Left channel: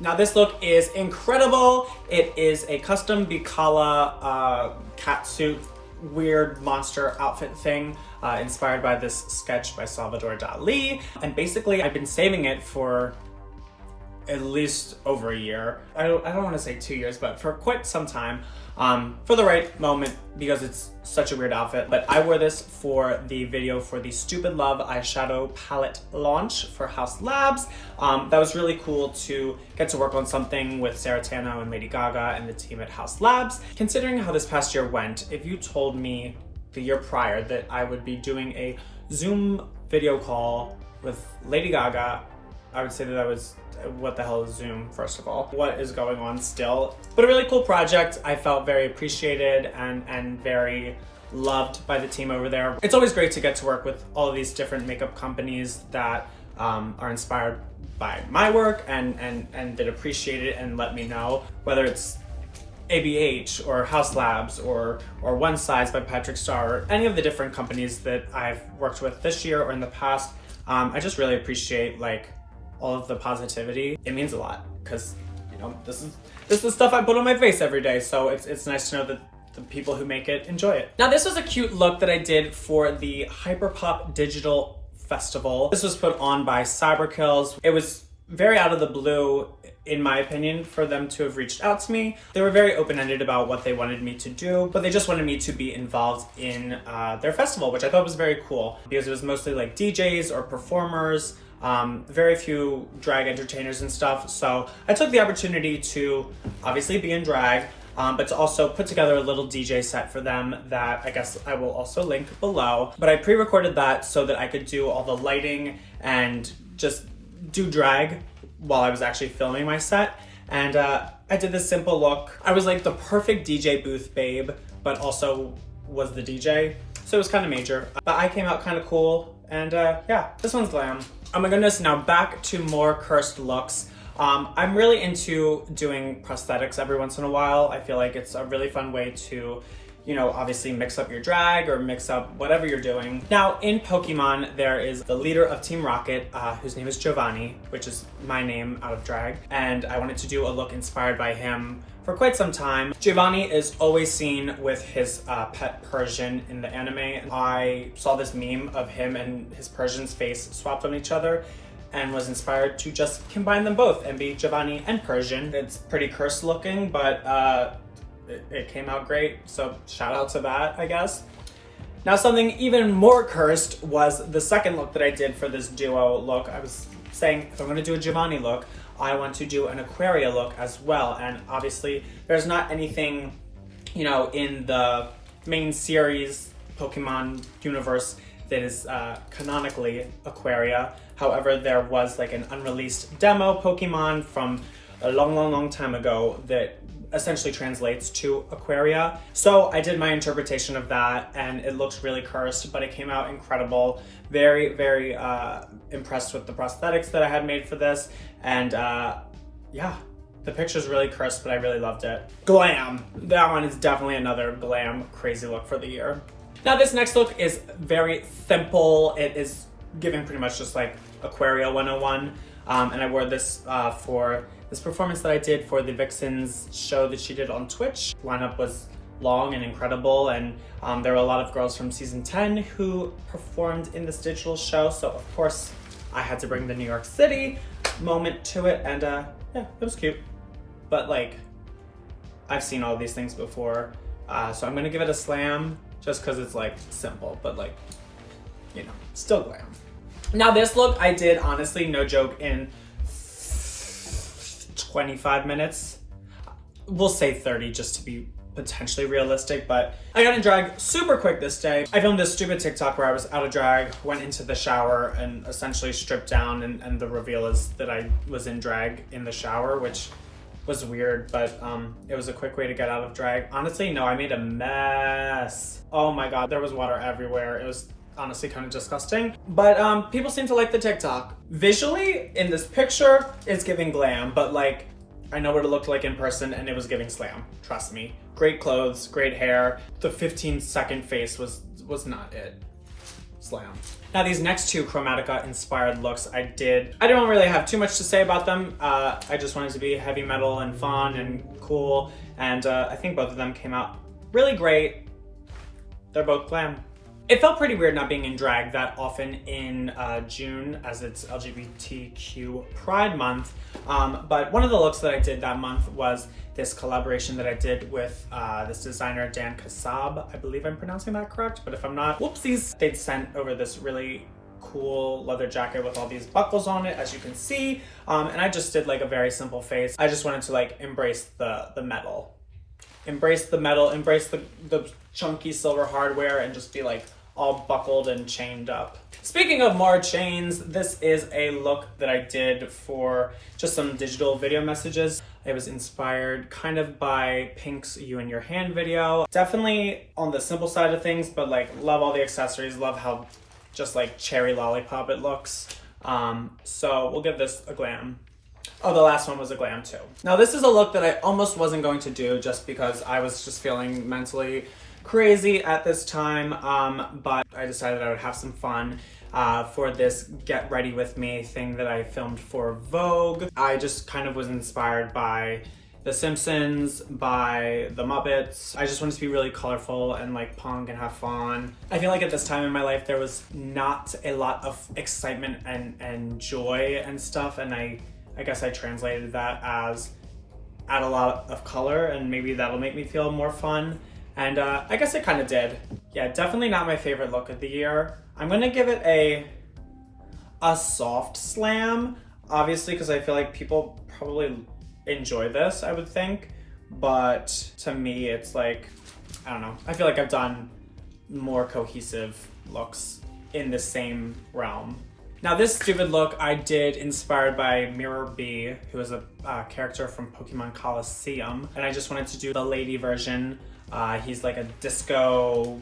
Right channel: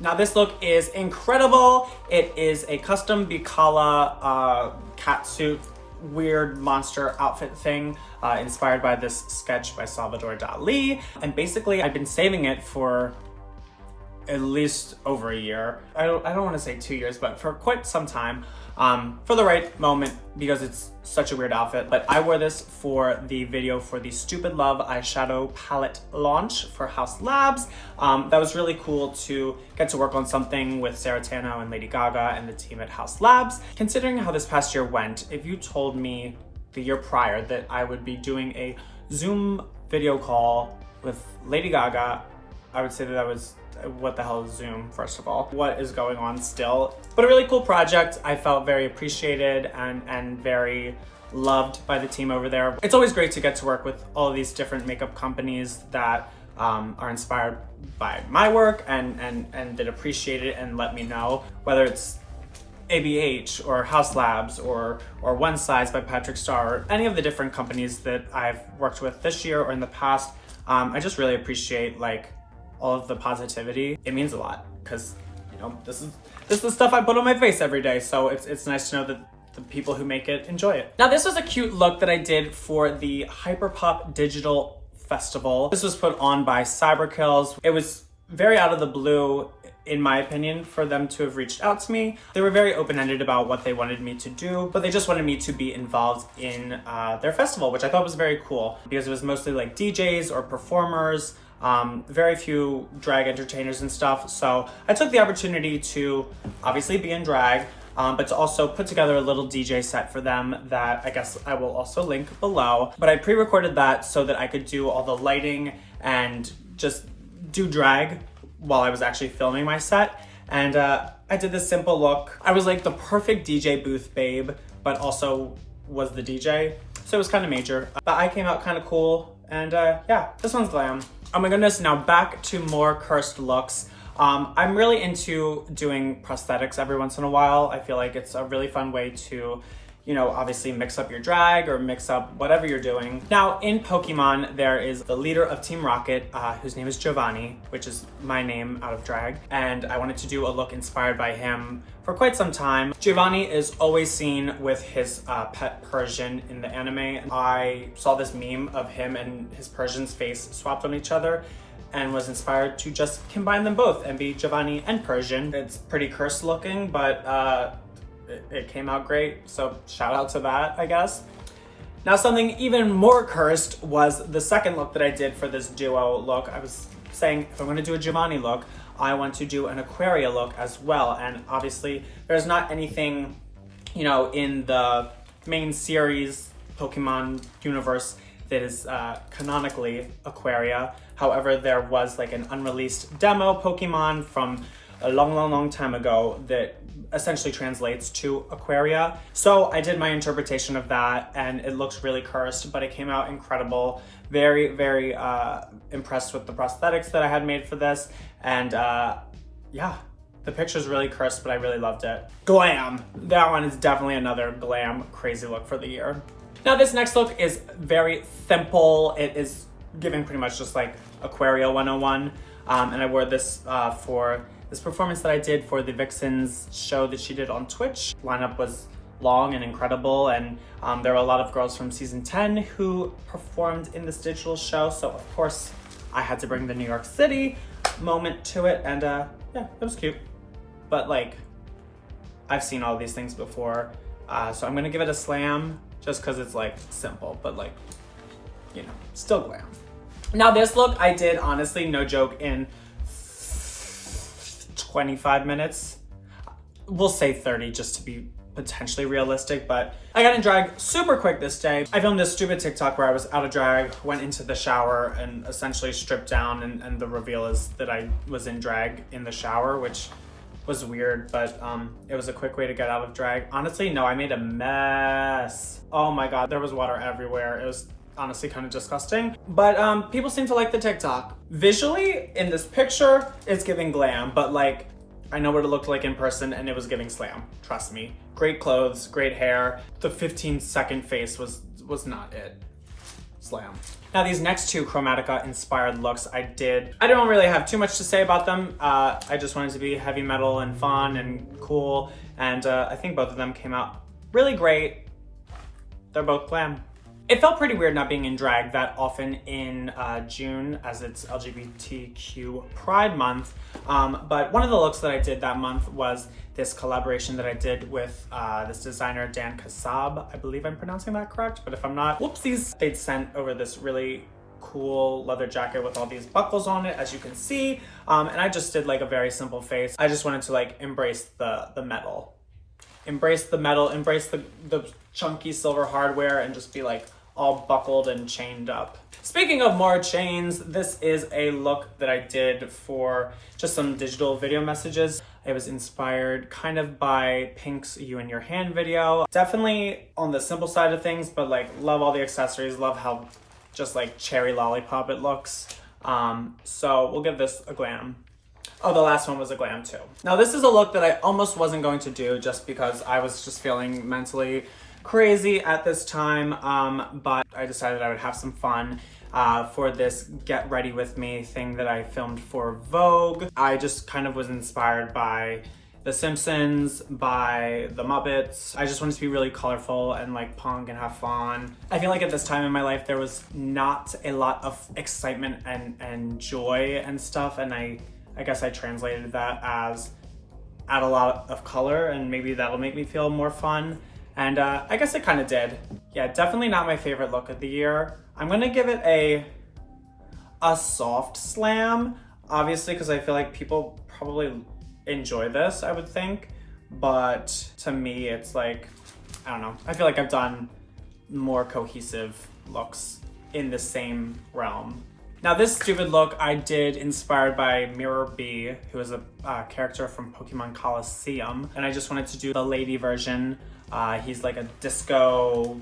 Now this look is incredible. It is a custom Bikala catsuit, weird monster outfit thing, inspired by this sketch by Salvador Dali. And basically I've been saving it for at least over a year. I don't want to say 2 years, but for quite some time, for the right moment, because it's such a weird outfit. But I wore this for the video for the Stupid Love eyeshadow palette launch for House Labs. That was really cool to get to work on something with Sarah Tano and Lady Gaga and the team at House Labs. Considering how this past year went, if you told me the year prior that I would be doing a Zoom video call with Lady Gaga, I would say that was, what the hell is Zoom, first of all? What is going on still? But a really cool project. I felt very appreciated and very loved by the team over there. It's always great to get to work with all of these different makeup companies that are inspired by my work and that appreciate it and let me know, whether it's ABH or House Labs or One Size by Patrick Starr, or any of the different companies that I've worked with this year or in the past. I just really appreciate all of the positivity. It means a lot because, you know, this is the stuff I put on my face every day. So it's nice to know that the people who make it enjoy it. Now this was a cute look that I did for the Hyperpop Digital Festival. This was put on by Cyberkills. It was very out of the blue, in my opinion, for them to have reached out to me. They were very open-ended about what they wanted me to do, but they just wanted me to be involved in their festival, which I thought was very cool because it was mostly like DJs or performers, very few drag entertainers and stuff. So I took the opportunity to obviously be in drag, but to also put together a little DJ set for them that I guess I will also link below. But I pre-recorded that so that I could do all the lighting and just do drag while I was actually filming my set. And I did this simple look. I was like the perfect DJ booth babe, but also was the DJ. So it was kind of major, but I came out kind of cool. And yeah, this one's glam. Oh my goodness, now back to more cursed looks. I'm really into doing prosthetics every once in a while. I feel like it's a really fun way to, you know, obviously mix up your drag or mix up whatever you're doing. Now in Pokemon, there is the leader of Team Rocket, whose name is Giovanni, which is my name out of drag. And I wanted to do a look inspired by him for quite some time. Giovanni is always seen with his pet Persian in the anime. I saw this meme of him and his Persian's face swapped on each other and was inspired to just combine them both and be Giovanni and Persian. It's pretty cursed looking, but it came out great, so shout out to that, I guess. Now something even more cursed was the second look that I did for this duo look. I was saying if I'm gonna do a Giovanni look, I want to do an Aquaria look as well. And obviously there's not anything, you know, in the main series Pokemon universe that is canonically Aquaria. However, there was like an unreleased demo Pokemon from a long time ago that essentially translates to Aquaria. So I did my interpretation of that and it looks really cursed, but it came out incredible. Very impressed with the prosthetics that I had made for this. And yeah, the picture's really cursed, but I really loved it. Glam. That one is definitely another glam crazy look for the year. Now this next look is very simple. It is giving pretty much just like Aquaria 101. And I wore this for this performance that I did for the Vixens show that she did on Twitch. Lineup was long and incredible, and there were a lot of girls from season 10 who performed in this digital show. So of course I had to bring the New York City moment to it, and yeah, it was cute. But like, I've seen all these things before, so I'm gonna give it a slam just because it's like simple, but like, you know, still glam. Now this look I did, honestly, no joke, in 25 minutes. We'll say 30 just to be potentially realistic, but I got in drag super quick this day. I filmed this stupid TikTok where I was out of drag, went into the shower and essentially stripped down, and the reveal is that I was in drag in the shower, which was weird, but it was a quick way to get out of drag. Honestly, no, I made a mess. Oh my God, there was water everywhere. It was honestly kind of disgusting, but people seem to like the TikTok. Visually, in this picture, it's giving glam, but like, I know what it looked like in person and it was giving slam, trust me. Great clothes, great hair. The 15-second face was not it. slam. Now these next two Chromatica inspired looks I don't really have too much to say about them. I just wanted to be heavy metal and fun and cool, and I think both of them came out really great. They're both glam. It felt pretty weird not being in drag that often in June, as it's LGBTQ Pride Month. But one of the looks that I did that month was this collaboration that I did with this designer, Dan Kassab. I believe I'm pronouncing that correct, but if I'm not, whoopsies. They'd sent over this really cool leather jacket with all these buckles on it, as you can see. And I just did like a very simple face. I just wanted to like embrace the metal. Embrace the metal, embrace the chunky silver hardware, and just be like all buckled and chained up. Speaking of more chains, this is a look that I did for just some digital video messages. It was inspired kind of by Pink's You in Your Hand video. Definitely on the simple side of things, but like love all the accessories, love how just like cherry lollipop it looks. So we'll give this a glam. Oh, the last one was a glam too. Now this is a look that I almost wasn't going to do just because I was just feeling mentally crazy at this time, but I decided I would have some fun for this Get Ready With Me thing that I filmed for Vogue. I just kind of was inspired by The Simpsons, by The Muppets. I just wanted to be really colorful and like punk and have fun. I feel like at this time in my life there was not a lot of excitement and joy and stuff, and I guess I translated that as add a lot of color and maybe that'll make me feel more fun. And I guess it kind of did. Yeah, definitely not my favorite look of the year. I'm gonna give it a soft slam, obviously, because I feel like people probably enjoy this, I would think. But to me, it's like, I don't know. I feel like I've done more cohesive looks in the same realm. Now this stupid look I did inspired by Mirror B, who is a character from Pokemon Colosseum. And I just wanted to do the lady version. He's like a disco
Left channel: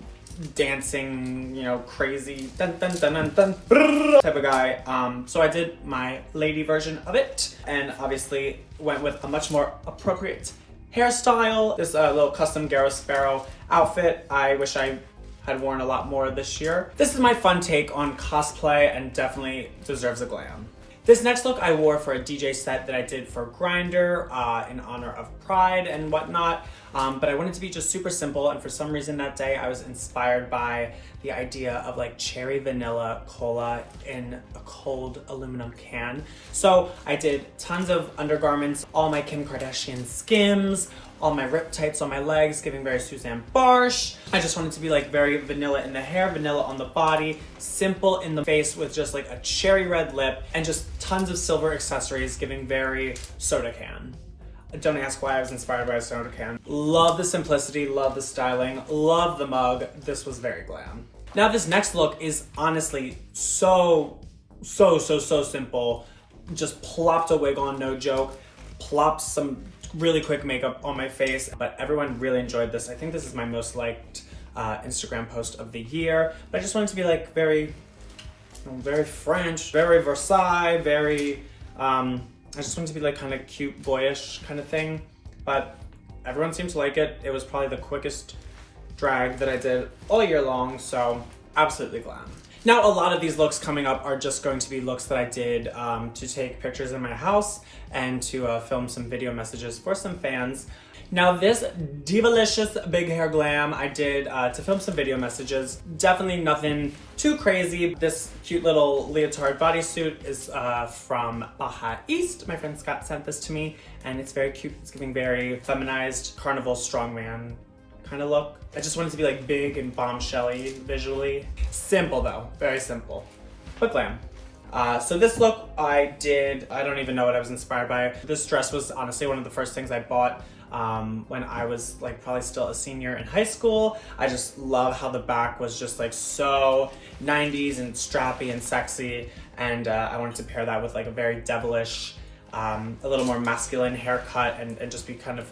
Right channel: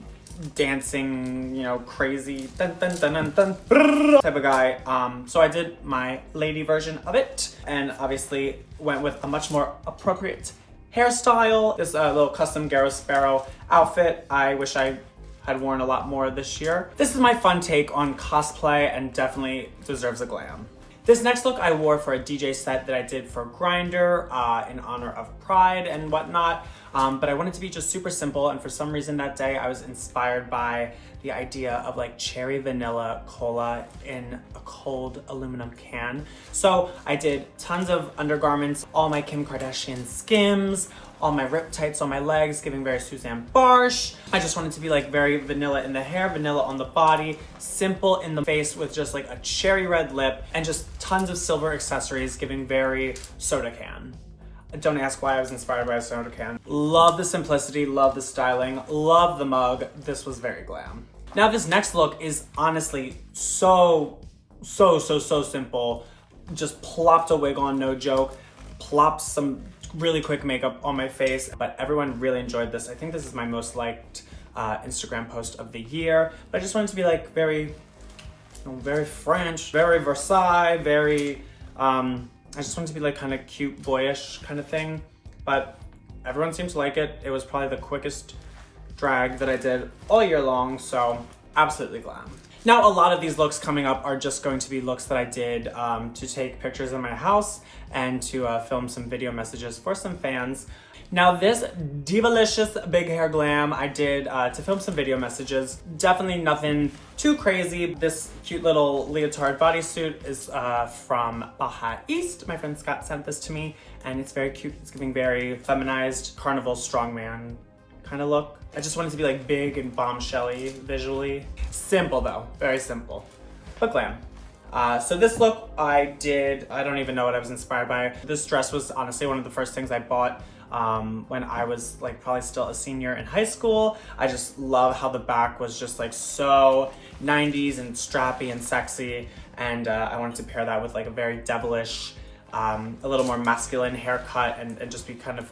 dancing, you know, crazy dun, dun, dun, dun, dun, brrr, type of guy. So I did my lady version of it, and obviously went with a much more appropriate hairstyle. This little custom Garrow Sparrow outfit. I wish I had worn a lot more this year. This is my fun take on cosplay and definitely deserves a glam. This next look I wore for a DJ set that I did for Grindr in honor of Pride and whatnot. But I wanted to be just super simple, and for some reason that day I was inspired by the idea of like cherry vanilla cola in a cold aluminum can. So I did tons of undergarments, all my Kim Kardashian Skims, all my rip tights on my legs, giving very Suzanne Barsh. I just wanted to be like very vanilla in the hair, vanilla on the body, simple in the face with just like a cherry red lip, and just tons of silver accessories, giving very soda can. Don't ask why I was inspired by a soda can. Love the simplicity, love the styling, love the mug. This was very glam. Now this next look is honestly so simple. Just plopped a wig on, no joke. Plopped some really quick makeup on my face, but everyone really enjoyed this. I think this is my most liked Instagram post of the year. But I just wanted to be like very French, very Versailles, very, I just wanted to be like kind of cute, boyish kind of thing, but everyone seemed to like it. It was probably the quickest drag that I did all year long, so absolutely glam. Now, a lot of these looks coming up are just going to be looks that I did to take pictures in my house and to film some video messages for some fans. Now this divalicious big hair glam I did to film some video messages. Definitely nothing too crazy. This cute little leotard bodysuit is from Baja East. My friend Scott sent this to me, and it's very cute. It's giving very feminized carnival strongman kind of look. I just wanted to be like big and bombshelly visually. Simple though, very simple, but glam. So this look I did, I don't even know what I was inspired by. This dress was honestly one of the first things I bought when I was like probably still a senior in high school. I just love how the back was just like so 90s and strappy and sexy, and I wanted to pair that with like a very devilish, a little more masculine haircut, and just be kind of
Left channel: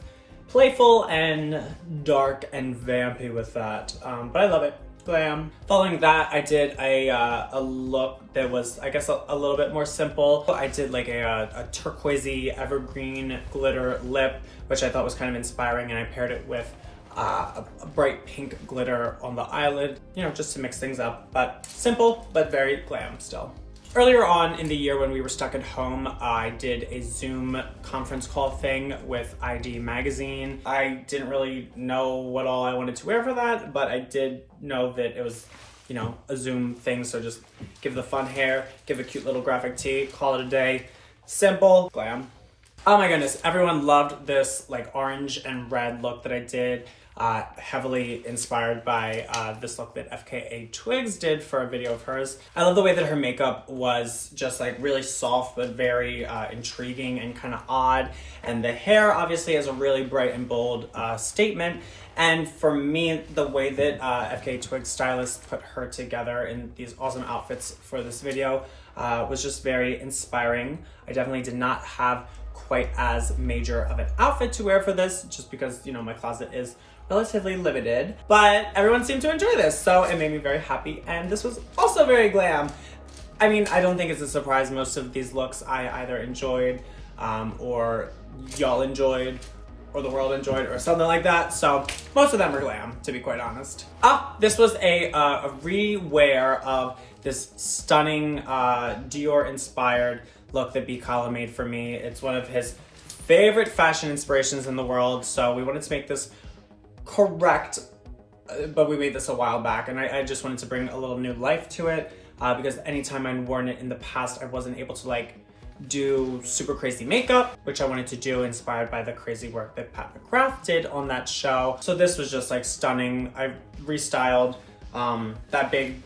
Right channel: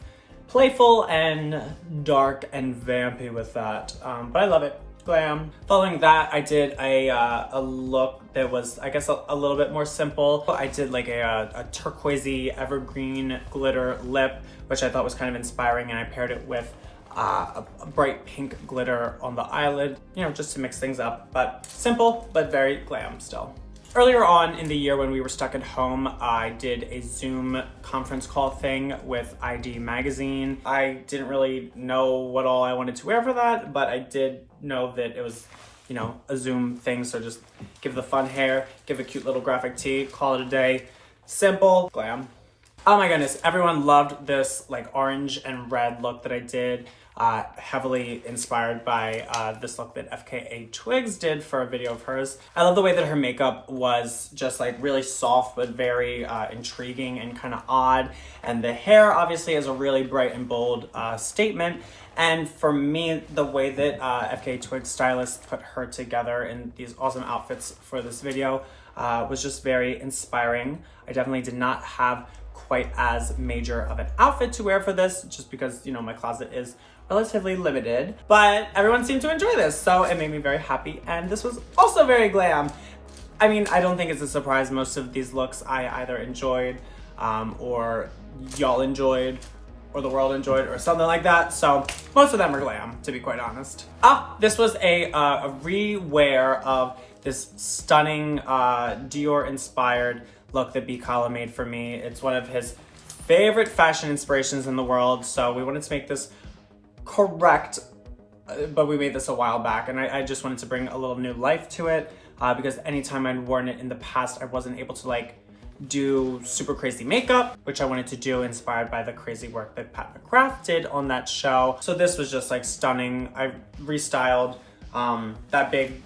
playful and dark and vampy with that. But I love it. Glam. Following that, I did a look that was, I guess, a little bit more simple. I did like a turquoisey evergreen glitter lip, which I thought was kind of inspiring, and I paired it with a bright pink glitter on the eyelid, you know, just to mix things up, but simple, but very glam still. Earlier on in the year when we were stuck at home, I did a Zoom conference call thing with ID Magazine. I didn't really know what all I wanted to wear for that, but I did know that it was, you know, a Zoom thing, so just give the fun hair, give a cute little graphic tee, call it a day. Simple, glam. Oh my goodness, everyone loved this like orange and red look that I did. Heavily inspired by this look that FKA Twigs did for a video of hers. I love the way that her makeup was just like really soft but very intriguing and kind of odd. And the hair obviously is a really bright and bold statement. And for me, the way that FKA Twigs stylist put her together in these awesome outfits for this video was just very inspiring. I definitely did not have quite as major of an outfit to wear for this, just because, you know, my closet is relatively limited, but everyone seemed to enjoy this, so it made me very happy, and this was also very glam. I mean, I don't think it's a surprise most of these looks I either enjoyed, or y'all enjoyed, or the world enjoyed, or something like that, so most of them are glam, to be quite honest. This was a rewear of this stunning Dior-inspired look that B. Kala made for me. It's one of his favorite fashion inspirations in the world, so we wanted to make this correct, but we made this a while back, and I just wanted to bring a little new life to it, because anytime I'd worn it in the past, I wasn't able to like do super crazy makeup, which I wanted to do, inspired by the crazy work that Pat McGrath did on that show. So this was just like stunning. I restyled that big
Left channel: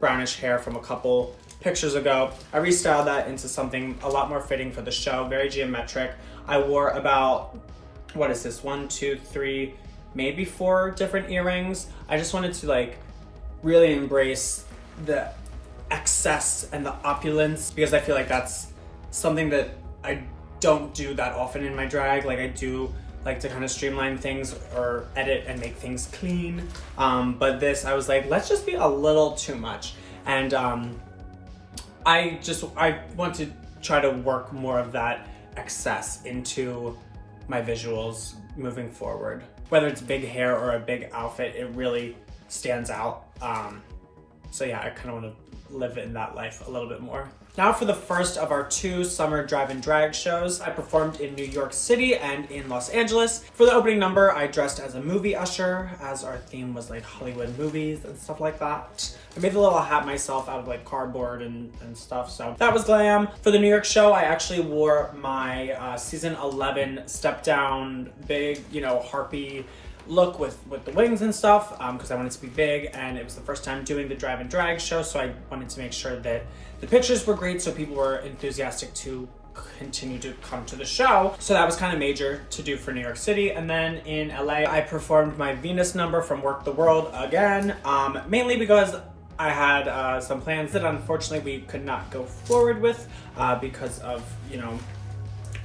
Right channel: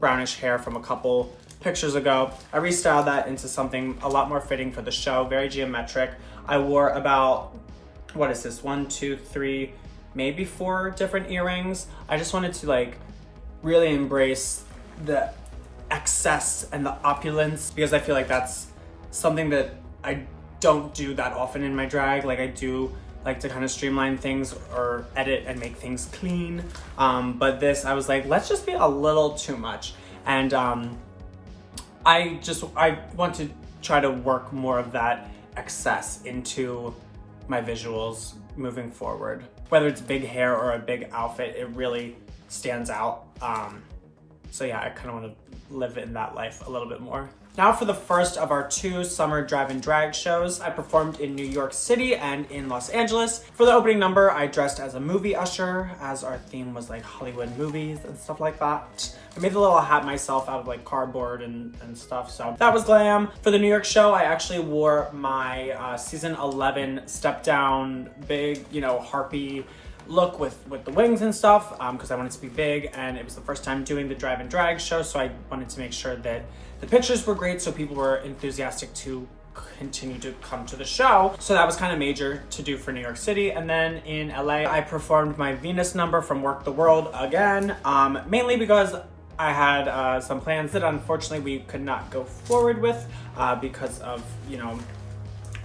brownish hair from a couple pictures ago. I restyled that into something a lot more fitting for the show, very geometric. I wore about, what is this, 1, 2, 3, maybe 4 different earrings. I just wanted to like really embrace the excess and the opulence, because I feel like that's something that I don't do that often in my drag. Like I do like to kind of streamline things or edit and make things clean. But this, I was like, let's just be a little too much. And I want to try to work more of that excess into my visuals moving forward. Whether it's big hair or a big outfit, it really stands out. So yeah, I kind of want to live in that life a little bit more. Now for the first of our 2 summer drive-in drag shows. I performed in New York City and in Los Angeles. For the opening number, I dressed as a movie usher, as our theme was like Hollywood movies and stuff like that. I made the little hat myself out of like cardboard and stuff, so that was glam. For the New York show, I actually wore my season 11 step down, big, you know, harpy look with the wings and stuff, because I wanted to be big, and it was the first time doing the drive-in drag show, so I wanted to make sure that the pictures were great, so people were enthusiastic to continue to come to the show. So that was kind of major to do for New York City. And then in LA, I performed my Venus number from Work the World again, mainly because I had some plans that unfortunately we could not go forward with because of, you know,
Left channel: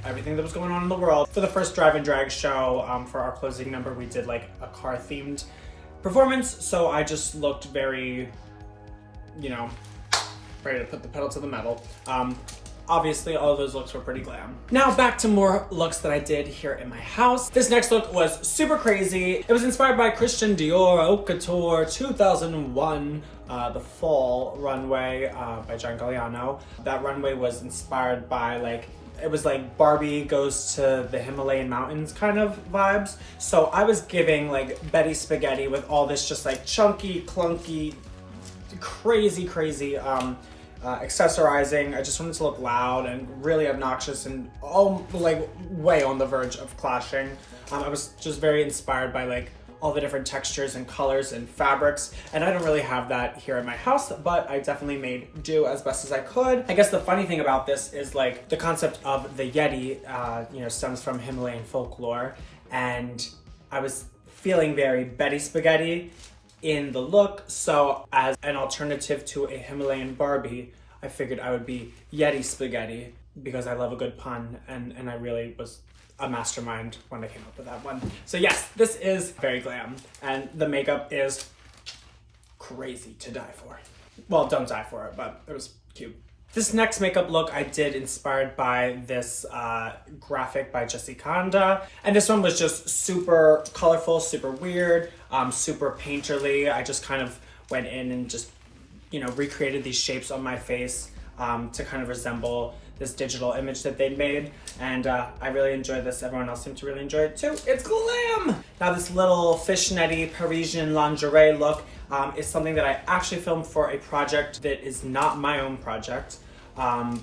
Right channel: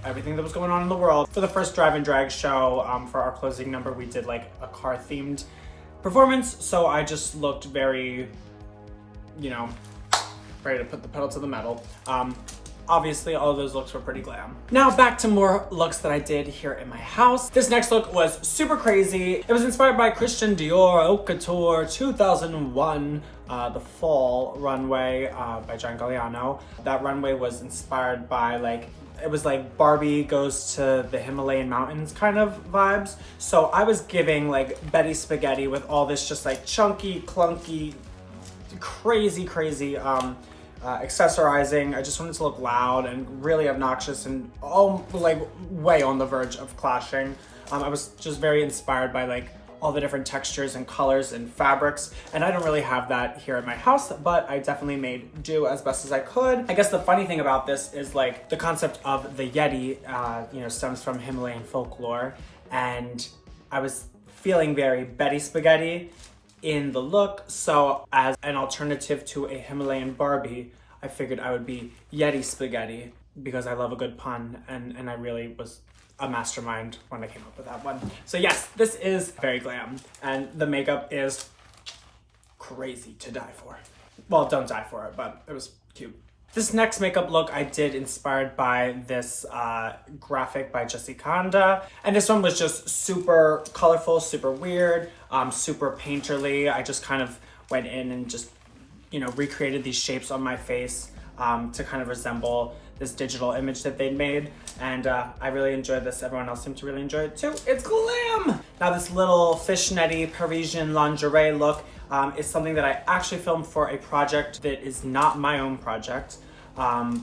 everything that was going on in the world. For the first drive-in drag show, for our closing number, we did like a car-themed performance, so I just looked very, you know, ready to put the pedal to the metal. Obviously, all of those looks were pretty glam. Now back to more looks that I did here in my house. This next look was super crazy. It was inspired by Christian Dior Haute Couture 2001, the fall runway by John Galliano. That runway was inspired by like, it was like Barbie goes to the Himalayan mountains kind of vibes. So I was giving like Betty Spaghetti with all this just like chunky, clunky, crazy accessorizing. I just wanted to look loud and really obnoxious and all like way on the verge of clashing. I was just very inspired by like all the different textures and colors and fabrics, and I don't really have that here at my house, but I definitely made do as best as I could. I guess the funny thing about this is like the concept of the Yeti, you know, stems from Himalayan folklore, and I was feeling very Betty Spaghetti in the look, so as an alternative to a Himalayan Barbie, I figured I would be Yeti Spaghetti because I love a good pun, and I really was a mastermind when I came up with that one. So yes, this is very glam, and the makeup is crazy to die for. Well, don't die for it, but it was cute. This next makeup look I did inspired by this graphic by Jessie Kanda. And this one was just super colorful, super weird, super painterly. I just kind of went in and just, you know, recreated these shapes on my face to kind of resemble this digital image that they made. And I really enjoyed this. Everyone else seemed to really enjoy it too. It's glam! Now this little fishnetty Parisian lingerie look is something that I actually filmed for a project that is not my own project,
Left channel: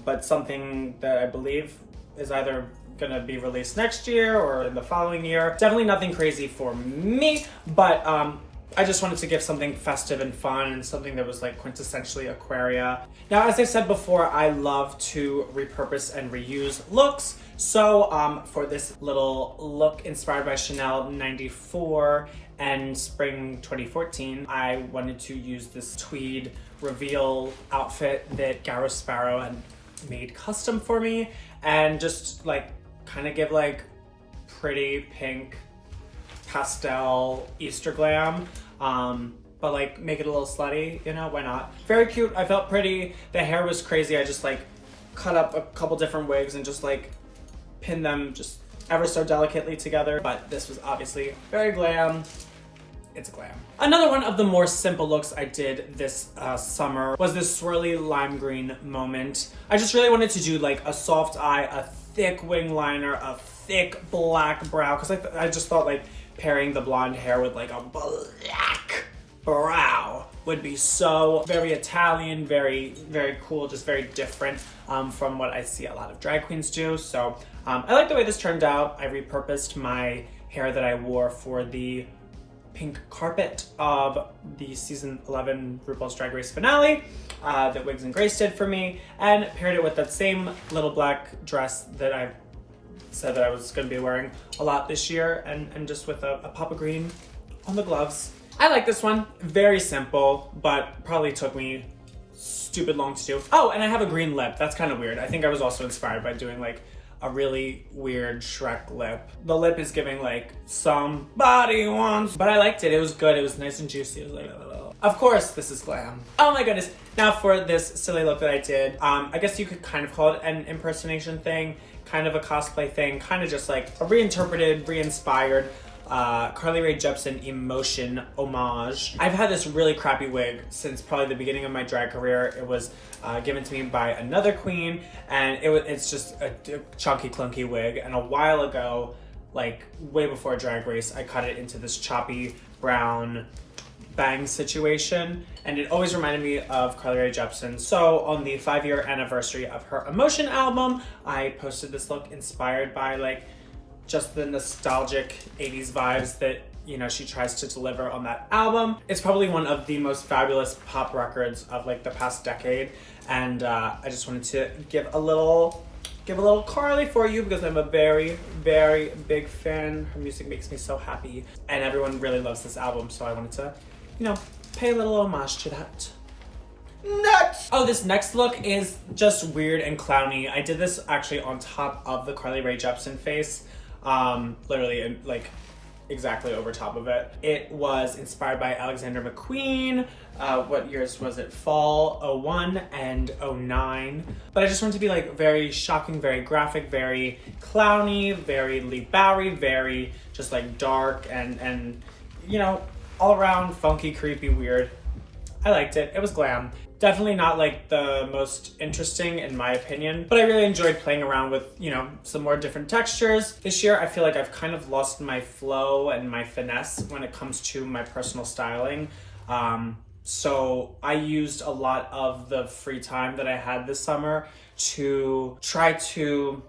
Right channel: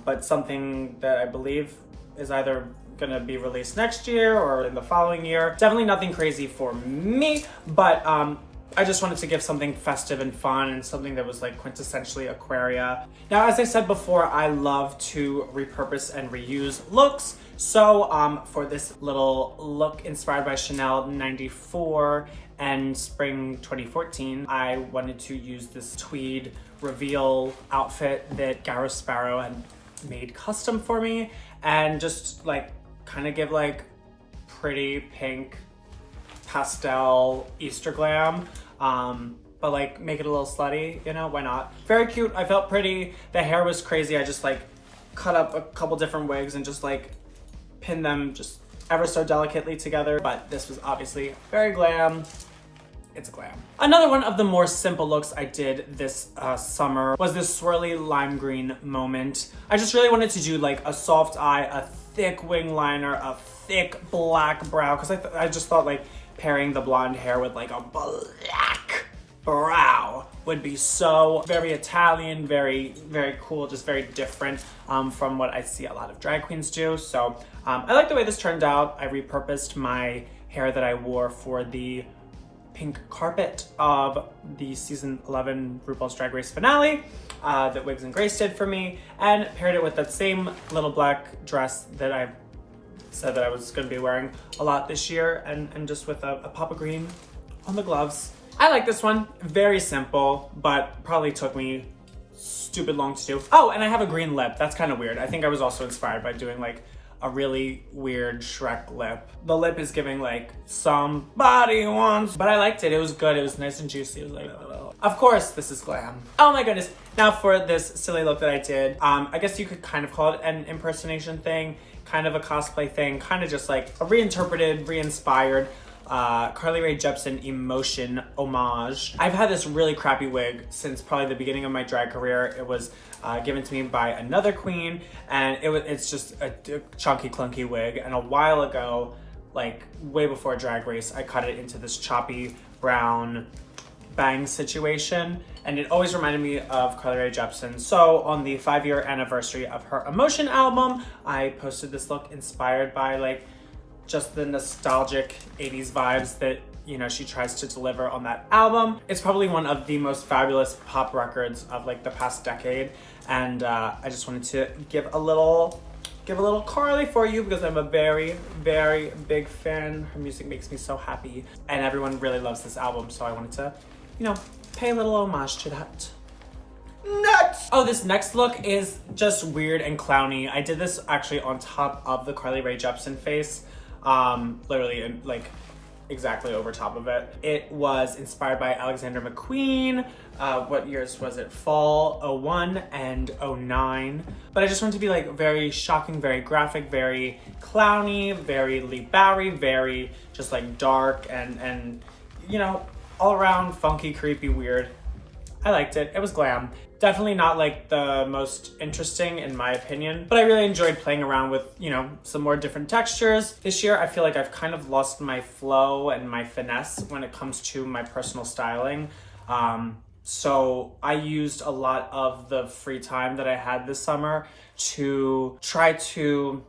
but something that I believe is either gonna be released next year or in the following year. Definitely nothing crazy for me, but I just wanted to give something festive and fun and something that was like quintessentially Aquaria. Now, as I said before, I love to repurpose and reuse looks. So for this little look inspired by Chanel 94 and spring 2014, I wanted to use this tweed reveal outfit that Garrow Sparrow had made custom for me and just like kind of give like pretty pink pastel Easter glam, but like make it a little slutty, you know, why not? Very cute. I felt pretty. The hair was crazy. I just like cut up a couple different wigs and just like pinned them just ever so delicately together, but this was obviously very glam. It's glam. Another one of the more simple looks I did this summer was this swirly lime green moment. I just really wanted to do like a soft eye, a thick wing liner, a thick black brow, because I just thought like pairing the blonde hair with like a black brow would be so very Italian, very, very cool, just very different from what I see a lot of drag queens do. So I like the way this turned out. I repurposed my hair that I wore for the pink carpet of the season 11 RuPaul's Drag Race finale that Wigs and Grace did for me, and paired it with that same little black dress that I said that I was going to be wearing a lot this year, and just with a pop of green on the gloves. I like this one. Very simple, but probably took me stupid long to do. Oh, and I have a green lip. That's kind of weird. I think I was also inspired by doing like a really weird Shrek lip. The lip is giving like somebody wants, but I liked it. It was good. It was nice and juicy. It was like, of course, this is glam. Oh my goodness. Now for this silly look that I did, I guess you could kind of call it an impersonation thing, kind of a cosplay thing, kind of just like a reinterpreted, re-inspired Carly Rae Jepsen emotion homage. I've had this really crappy wig since probably the beginning of my drag career. It was given to me by another queen, and it's just a chunky, clunky wig. And a while ago, like way before Drag Race, I cut it into this choppy brown bang situation, and it always reminded me of Carly Rae Jepsen. So on the 5-year anniversary of her Emotion album, I posted this look inspired by like just the nostalgic 80s vibes that, you know, she tries to deliver on that album. It's probably one of the most fabulous pop records of like the past decade, and I just wanted to give a little Carly for you because I'm a very, very big fan. Her music makes me so happy, and everyone really loves this album, so I wanted to, you know, pay a little homage to that. Next! Oh, this next look is just weird and clowny. I did this actually on top of the Carly Rae Jepsen face. Literally like exactly over top of it. It was inspired by Alexander McQueen. What years was it? Fall 01 and 09. But I just wanted to be like very shocking, very graphic, very clowny, very Lee Bowery, very just like dark and you know, all around funky, creepy, weird. I liked it. It was glam. Definitely not like the most interesting in my opinion, but I really enjoyed playing around with, you know, some more different textures. This year, I feel like I've kind of lost my flow and my finesse when it comes to my personal styling. So I used a lot of the free time that I had this summer to try to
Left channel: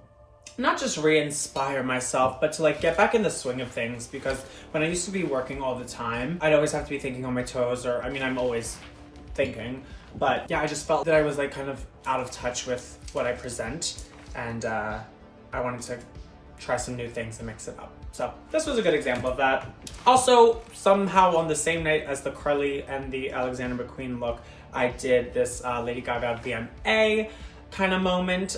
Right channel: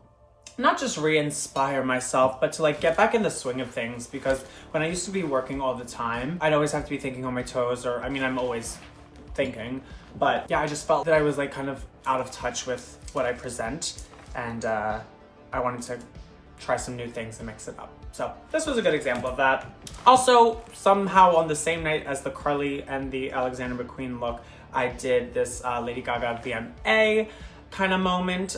not just re-inspire myself, but to like get back in the swing of things, because when I used to be working all the time, I'd always have to be thinking on my toes, or I mean, I'm always thinking, but yeah, I just felt that I was like kind of out of touch with what I present, and I wanted to try some new things and mix it up. So this was a good example of that. Also, somehow on the same night as the Carly and the Alexander McQueen look, I did this Lady Gaga VMA kind of moment,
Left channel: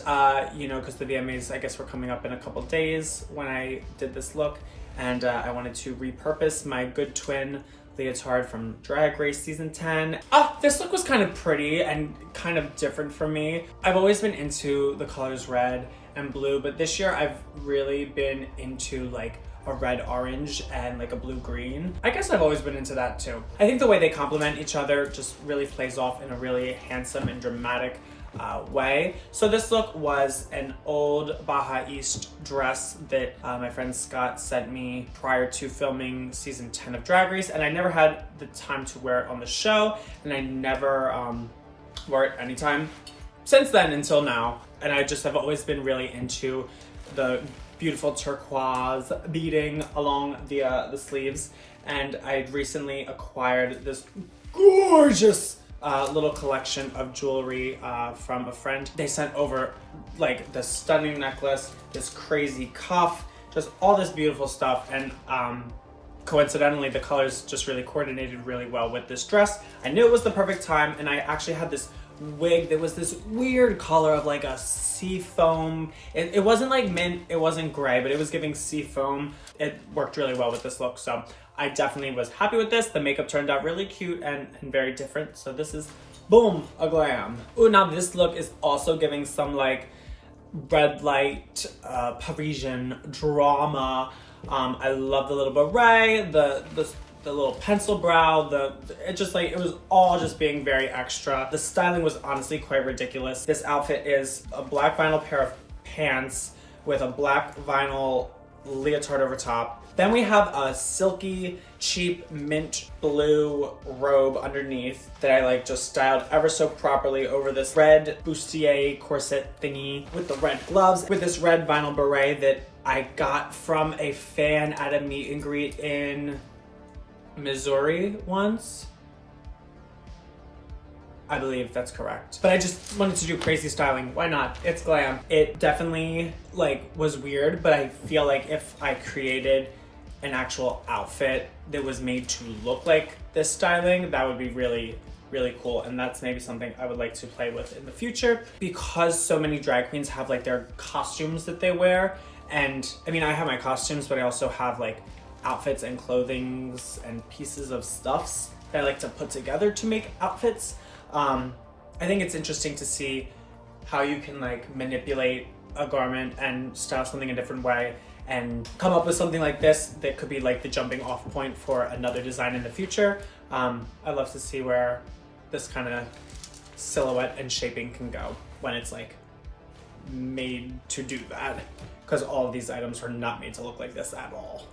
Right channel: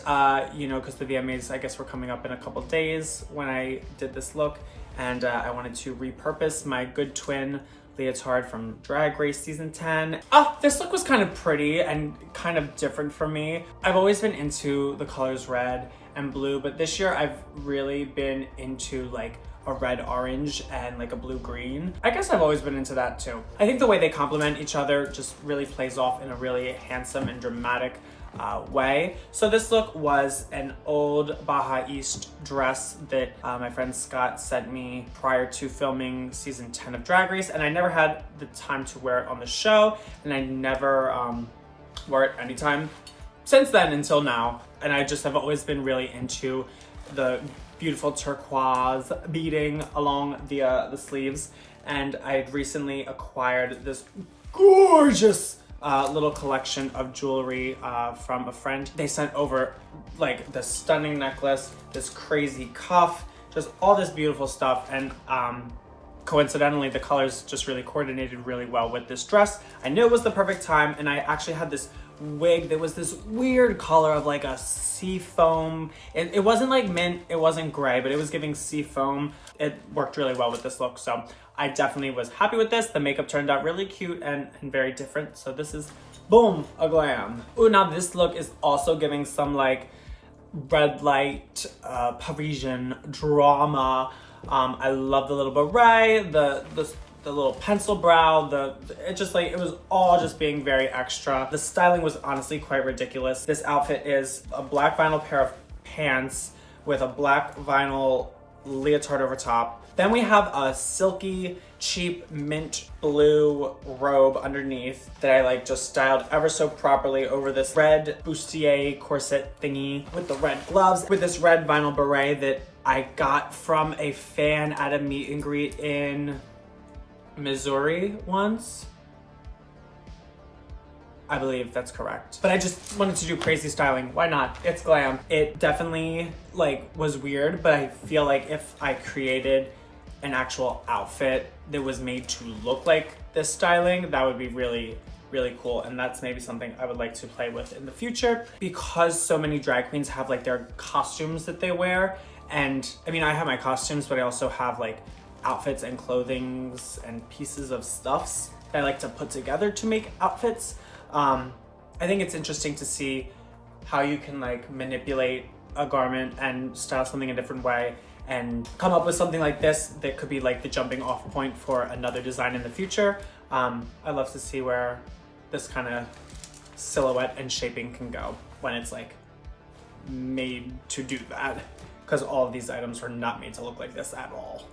you know, because the VMAs, I guess, were coming up in a couple days when I did this look, and I wanted to repurpose my good twin leotard from Drag Race season 10. Oh, this look was kind of pretty and kind of different for me. I've always been into the colors red and blue, but this year I've really been into like a red orange and like a blue green. I guess I've always been into that too. I think the way they complement each other just really plays off in a really handsome and dramatic way. So this look was an old Baja East dress that my friend Scott sent me prior to filming season 10 of Drag Race, and I never had the time to wear it on the show, and I never wore it anytime since then until now. And I just have always been really into the beautiful turquoise beading along the sleeves, and I recently acquired this gorgeous little collection of jewelry from a friend. They sent over like this stunning necklace, this crazy cuff, just all this beautiful stuff, and coincidentally the colors just really coordinated really well with this dress. I knew it was the perfect time, and I actually had this wig that was this weird color of like a sea foam. It wasn't like mint, it wasn't gray, but it was giving sea foam. It worked really well with this look, so I definitely was happy with this. The makeup turned out really cute and very different, so this is, boom, a glam. Ooh, now this look is also giving some like red light Parisian drama. I love the little beret, the little pencil brow, it just like, it was all just being very extra. The styling was honestly quite ridiculous. This outfit is a black vinyl pair of pants with a black vinyl leotard over top. Then we have a silky, cheap mint blue robe underneath that I like just styled ever so properly over this red bustier corset thingy with the red gloves, with this red vinyl beret that I got from a fan at a meet and greet in Missouri once. I believe that's correct. But I just wanted to do crazy styling. Why not? It's glam. It definitely like was weird, but I feel like if I created an actual outfit that was made to look like this styling, that would be really, really cool. And that's maybe something I would like to play with in the future, because so many drag queens have like their costumes that they wear. And I mean, I have my costumes, but I also have like outfits and clothings and pieces of stuffs that I like to put together to make outfits. I think it's interesting to see how you can like manipulate a garment and style something a different way and come up with something like this that could be like the jumping off point for another design in the future. I love to see where this kind of silhouette and shaping can go when it's like made to do that, because all of these items are not made to look like this at all.